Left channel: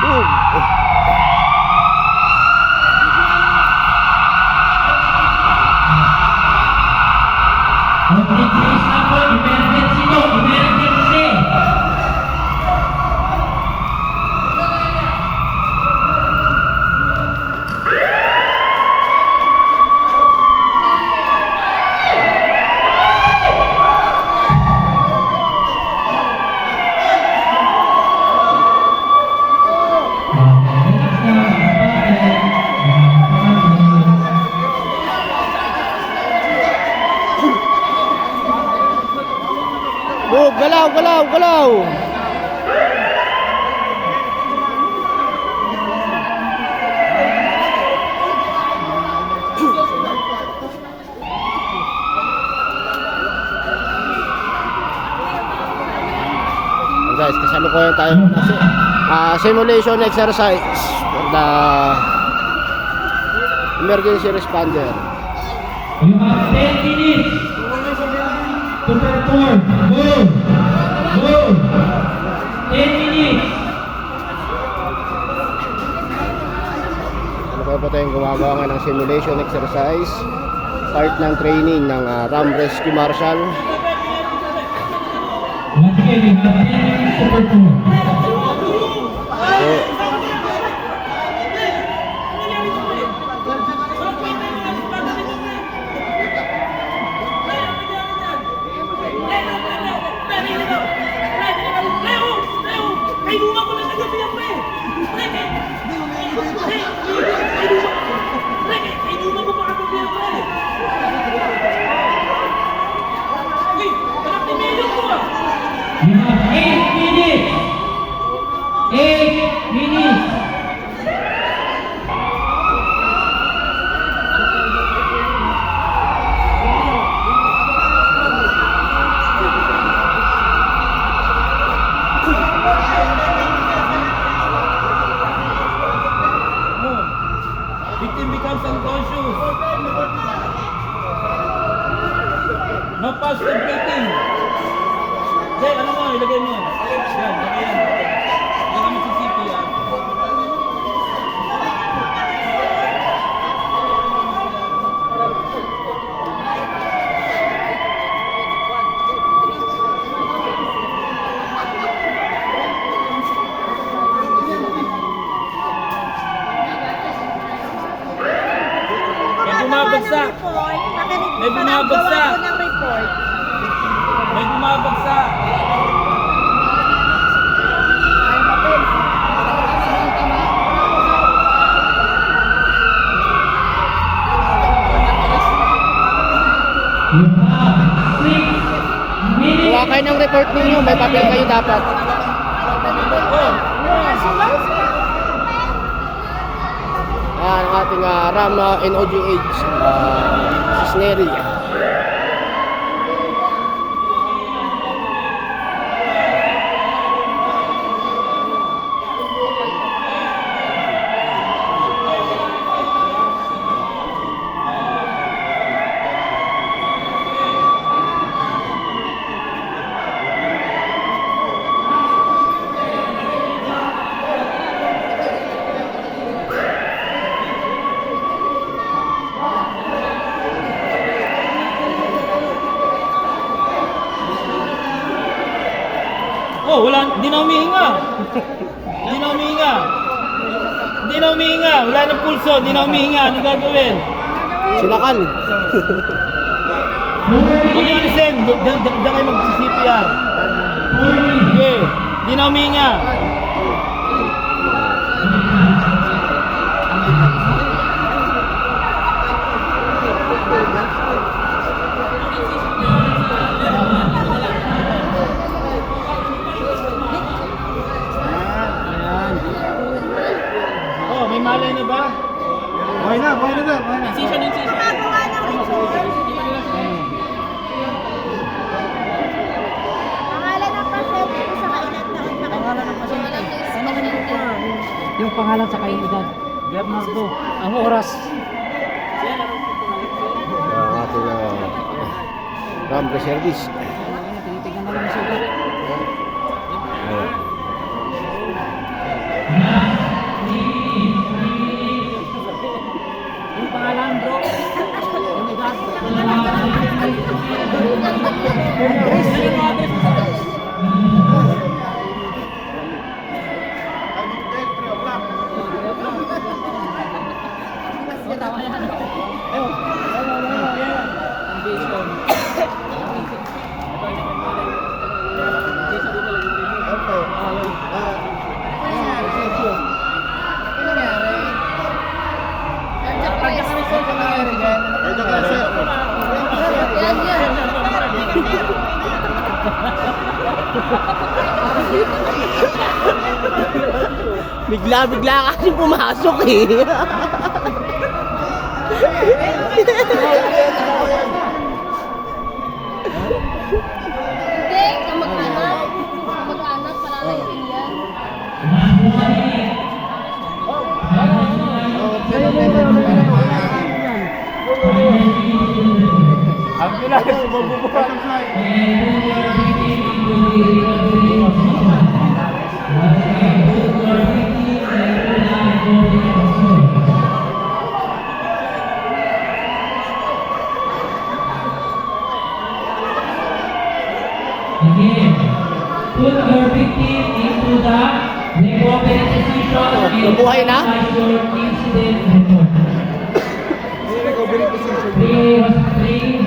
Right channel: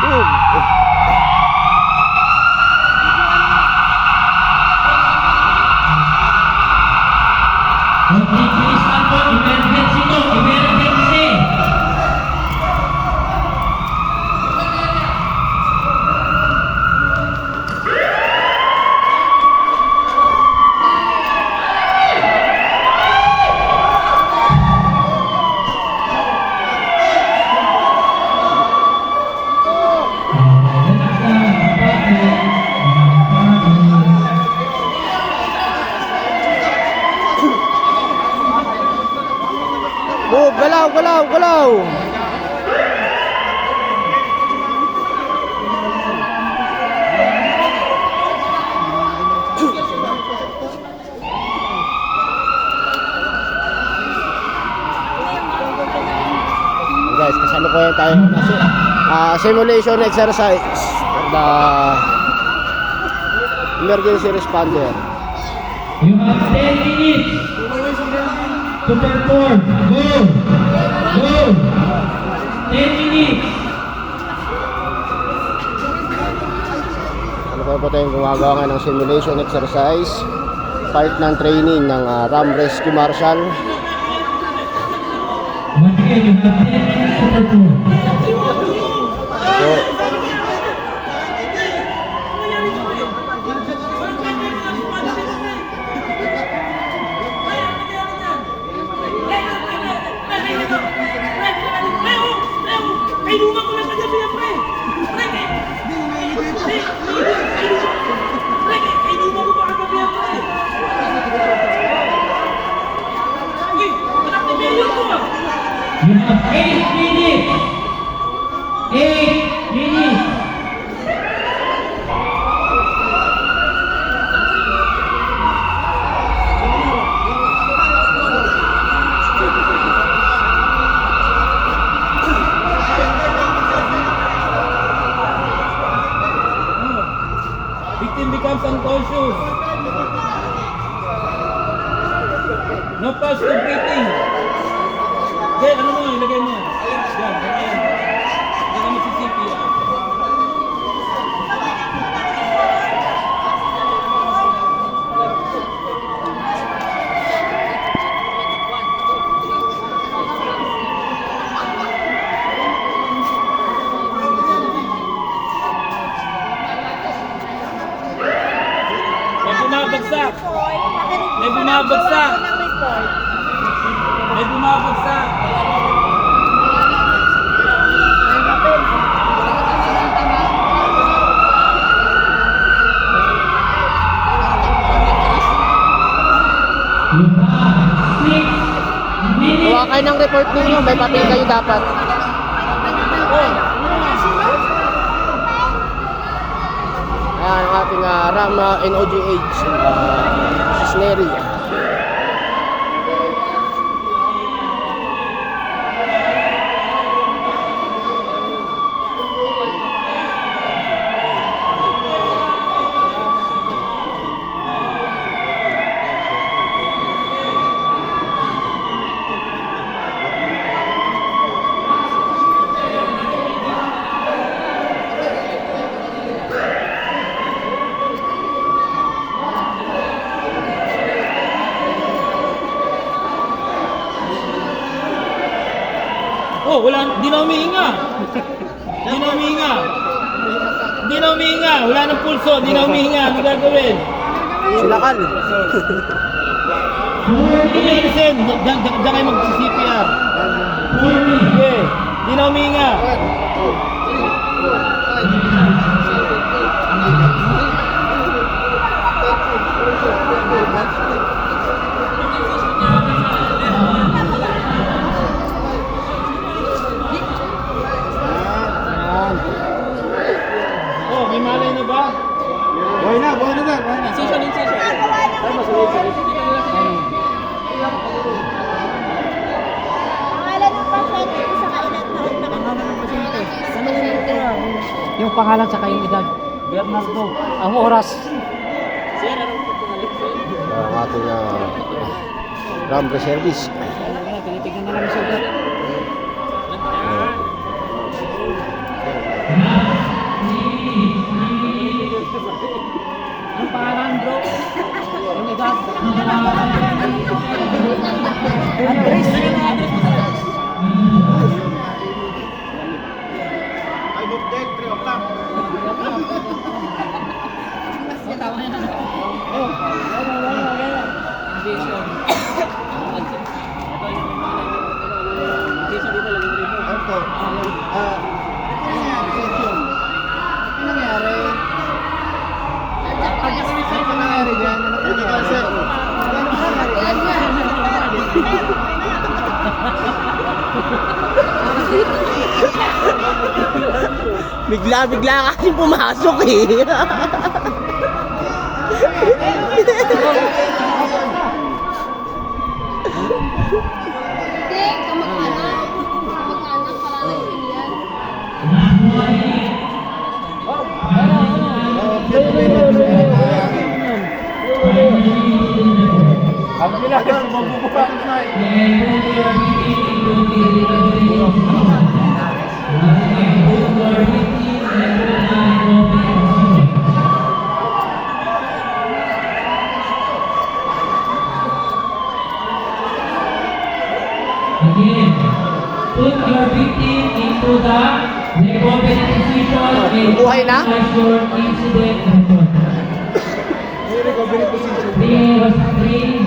Move, galaw, galaw, galaw. Guys, kasalukuyan tayo na simulation exercise for the emergency responder. You have 10 minutes to perform. Go! Go! 10 minutes. Kasalukuyan po tayong gumagawa nga ng simulation exercise, part ng training ng RAM Rescue Marshal. Once again, you have 10 minutes to perform. So, Kainuman ko lang kagabi yan, pre! Pre, kainuman ko pa kagabi yan, pre! Uy, anak ni Mayor ko! You have 8 minutes. 8 minutes. Victim becomes unconscious. No pulse to breathing. Jay, ano mo? Ilagay mo. Yan, ganyan. Baka magsisipi yan. May bumabagsak. May bumabagsak. kuha kayo ng report ninyo, may papel kayo dapat. Ayan ang ating RAM NOGH Snary. Oh, wala, hindi na humihinga. Hindi na humihinga. Hindi na humihinga. Wala ng pulso, hindi na humihinga. Ano gagawin? Sinakal. Hindi na alisin. Diyan kayo mag-CPR. Okay. Hindi na humihinga. Oh, may malay na ba? Buhay na, buhay na dyan, buhay na. Incision. Pangalan ng pasyente sa kailan taon na Yung pangalan sa kayong edad. Bernardo. Ang oras. Ang ating RAM Reservice. Tinitignan na lang yung sugat. Ayan. Ito ka, sir. Bigla-bigla kasi pumasok eh. Hindi, mag-anak. Mag-anak, paralayin yan. Ang bilang, mabubuka. Again, put your victim into the appropriate position and nabuhay na? analyze your incident record. Three was three.